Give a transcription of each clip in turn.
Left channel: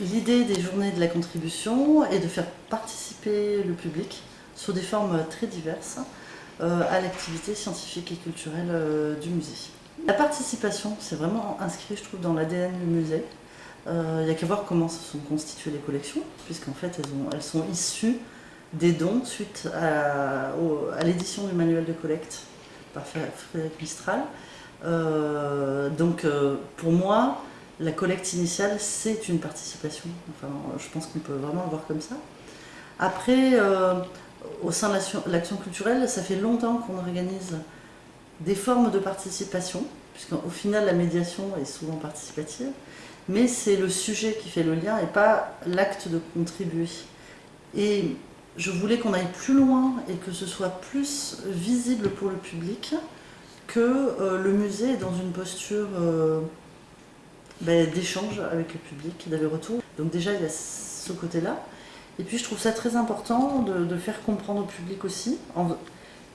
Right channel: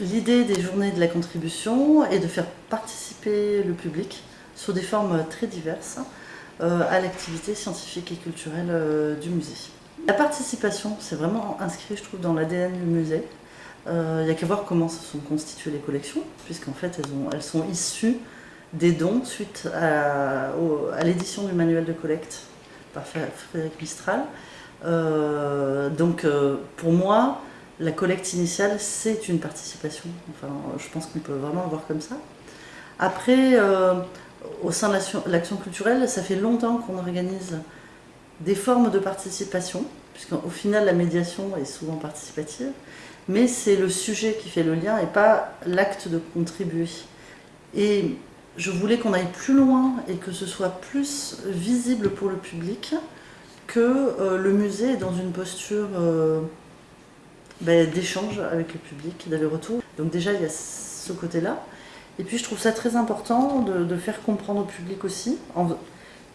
L'idée des journées de la contribution est de faire participer le public sous des formes très diverses à l'activité scientifique et culturelle du musée. La participation, c'est vraiment inscrit, je trouve, dans l'ADN du musée. Il n'y a qu'à voir comment se sont constituées les collections, puisqu'en fait, elles sont issues des dons suite à l'édition du manuel de collecte par Frédéric Mistral. Pour moi, la collecte initiale, c'est une participation. Enfin, je pense qu'on peut vraiment le voir comme ça. Après, au sein de l'action culturelle, ça fait longtemps qu'on organise des formes de participation, puisqu'au final, la médiation est souvent participative, mais c'est le sujet qui fait le lien et pas l'acte de contribuer. Et je voulais qu'on aille plus loin et que ce soit plus visible pour le public, que le musée est dans une posture d'échange avec le public, d'aller-retour. Donc déjà, il y a ce côté-là. Et puis je trouve ça très important de faire comprendre au public aussi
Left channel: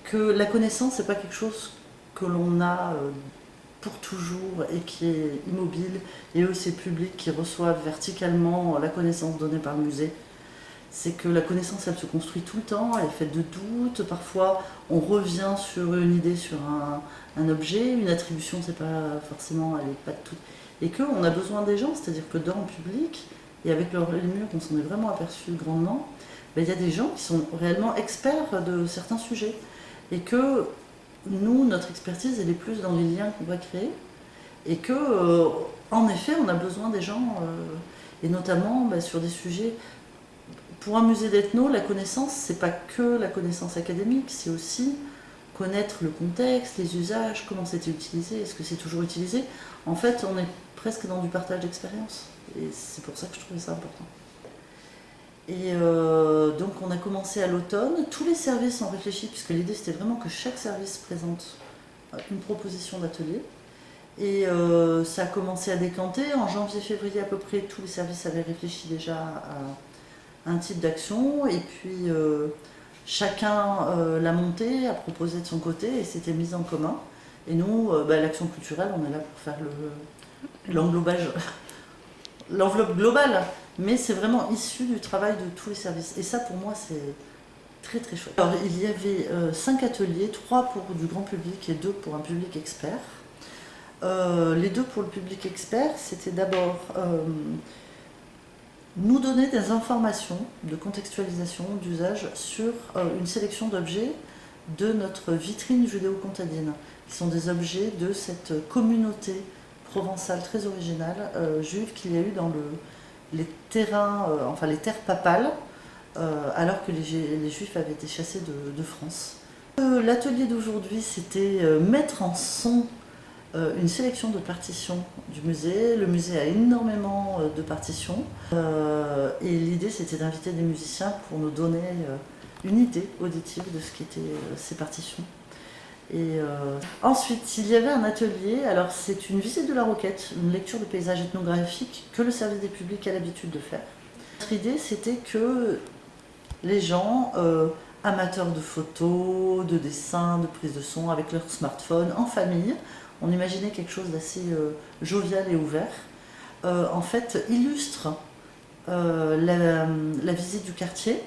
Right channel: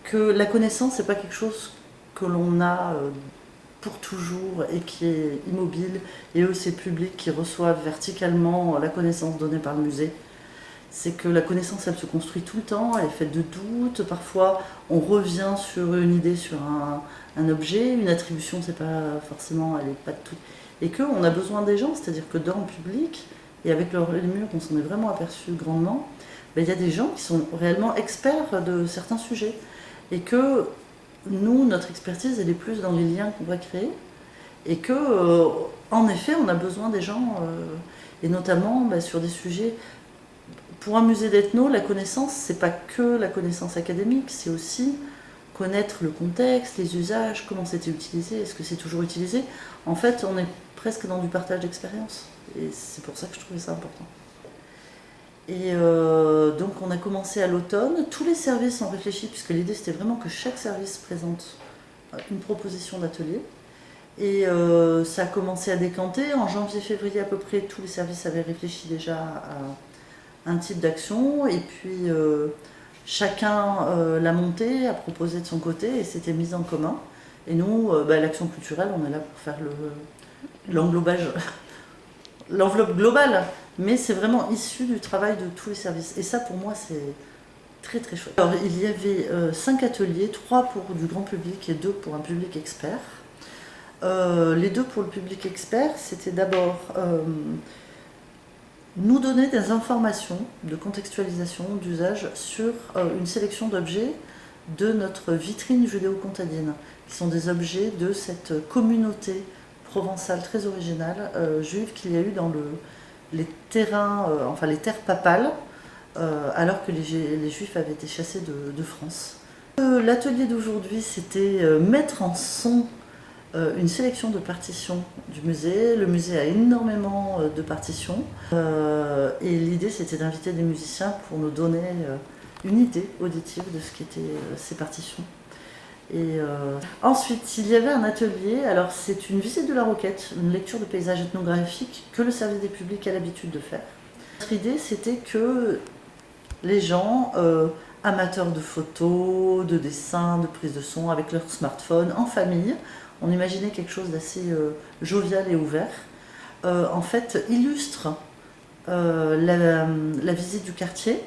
que la connaissance, c'est pas quelque chose que l'on a pour toujours et qui est immobile. Et eux, c'est le public qui reçoivent verticalement la connaissance donnée par le musée. C'est que la connaissance, elle se construit tout le temps, elle est faite de doutes. Parfois, on revient sur une idée, sur un objet, une attribution, c'est pas forcément, elle est pas de tout. Et qu'on a besoin des gens, c'est-à-dire que dans le public, et avec les murs, on s'en est vraiment aperçu grandement, il y a des gens qui sont réellement experts de certains sujets. Et que nous, notre expertise, elle est plus dans les liens qu'on va créer. Et que, en effet, on a besoin des gens, et notamment sur des sujets. Pour un musée d'ethno, la connaissance, c'est pas que la connaissance académique, c'est aussi connaître le contexte, les usages, comment c'était utilisé, est-ce que c'est toujours utilisé. En fait, on est presque dans du partage d'expérience. Et c'est pour ça que je trouvais ça important. Et donc on a commencé à l'automne. Tous les services ont réfléchi, puisque l'idée c'était vraiment que chaque service présente une proposition d'atelier. Et ça a commencé à décanter. En janvier-février à peu près, tous les services avaient réfléchi déjà à un type d'action. Et puis chacun l'a monté, a proposé de son côté et c'était mis en commun. Et nous, l'action culturelle, on est là pour faire l'englobage, l'enveloppe globale. Mais c'est vraiment issu du travail de tous les services. Et ça, pour moi, c'est très très chouette. Alors, il y avait 5 ateliers, 3 pour du grand public et 2 pour un public expert. Les 2 pour le public expert, c'était d'abord nous donner des informations de contextualisation, d'usage sur une sélection d'objets de notre vitrine judéo-comtadine, qui sont des objets de cette communauté provençale très originale juive qu'il y a eu dans les terrains, les terres papales, alors que les Juifs avaient été chassés de France. L'atelier d'aujourd'hui, c'était mettre en son une sélection de partitions du musée. Le musée a énormément de partitions et l'idée c'était d'inviter des musiciens pour nous donner une idée auditive de ce qu'étaient ces partitions. Et ensuite, il y avait un atelier, alors c'est une visite de la Roquette, une lecture de paysages ethnographiques que le service des publics a l'habitude de faire. Notre idée c'était que les gens, amateurs de photos, de dessins, de prise de son avec leur smartphone, en famille, on imaginait quelque chose d'assez jovial et ouvert, en fait illustre la visite du quartier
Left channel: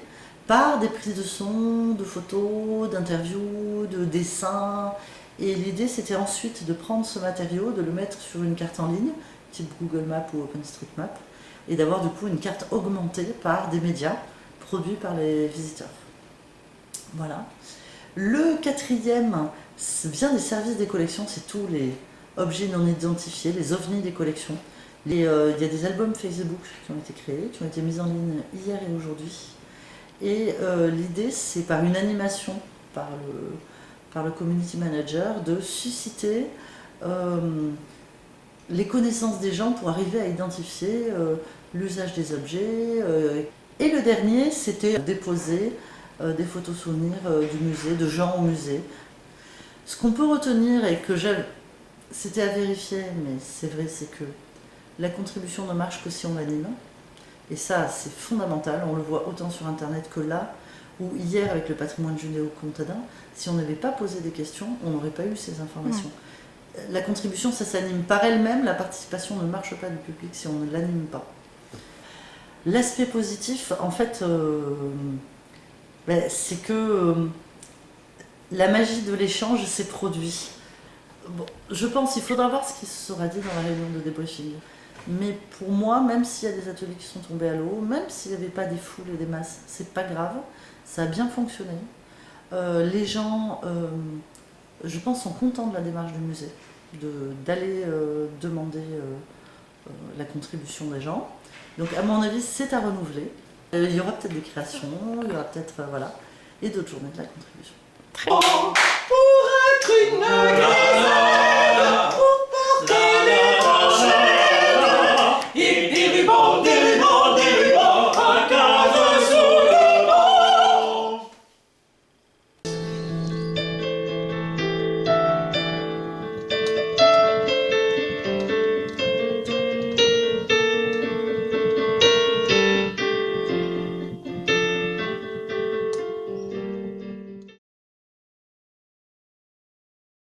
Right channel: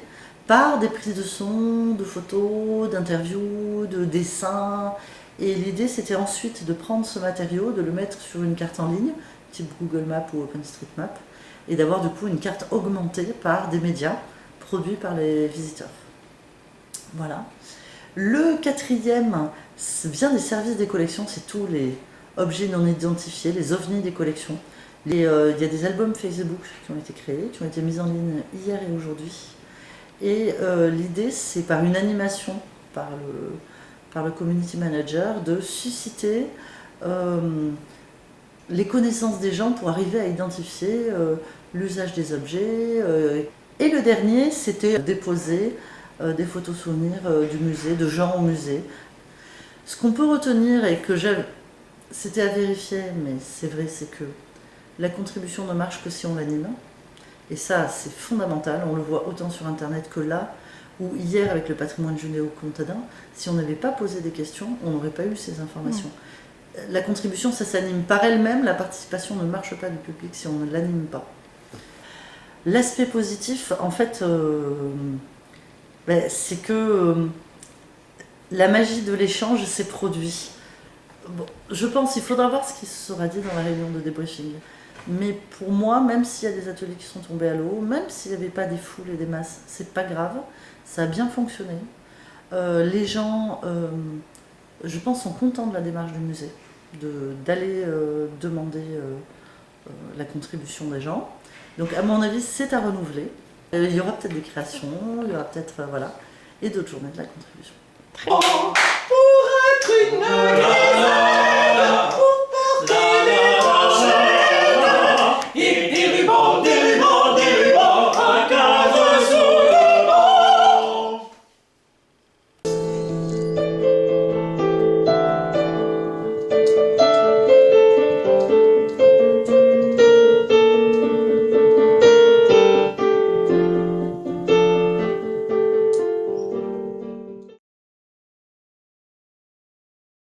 par des prises de son, de photos, d'interviews, de dessins. Et l'idée c'était ensuite de prendre ce matériau, de le mettre sur une carte en ligne, type Google Maps ou OpenStreetMap, et d'avoir du coup une carte augmentée par des médias produits par les visiteurs. Voilà. Le 4e vient des services des collections, c'est tous les objets non identifiés, les ovnis des collections. Il y a des albums Facebook qui ont été créés, qui ont été mis en ligne hier et aujourd'hui. Et l'idée, c'est par une animation, par le community manager, de susciter les connaissances des gens pour arriver à identifier l'usage des objets. Et le dernier, c'était déposer des photos souvenirs du musée, de gens au musée. Ce qu'on peut retenir et que c'était à vérifier, mais c'est vrai, c'est que la contribution ne marche que si on l'anime. Et ça, c'est fondamental. On le voit autant sur Internet que là, où hier, avec le patrimoine judéo-comtadin, si on n'avait pas posé des questions, on n'aurait pas eu ces informations. La contribution, ça s'anime par elle-même. La participation ne marche pas du public si on ne l'anime pas. L'aspect positif, en fait, c'est que la magie de l'échange s'est produite. Bon, je pense qu'il faudra voir ce qui sera dit dans la réunion de débriefing. Mais pour moi, même s'il y a des ateliers qui sont tombés à l'eau, même s'il n'y avait pas des foules et des masses, c'est pas grave, ça a bien fonctionné. Les gens, je pense, sont contents de la démarche du musée, d'aller demander la contribution des gens. Donc à mon avis, c'est à renouveler. Il y aura peut-être des créations, il y aura peut-être voilà, et d'autres journées de la contribution. Très bien. Pour être une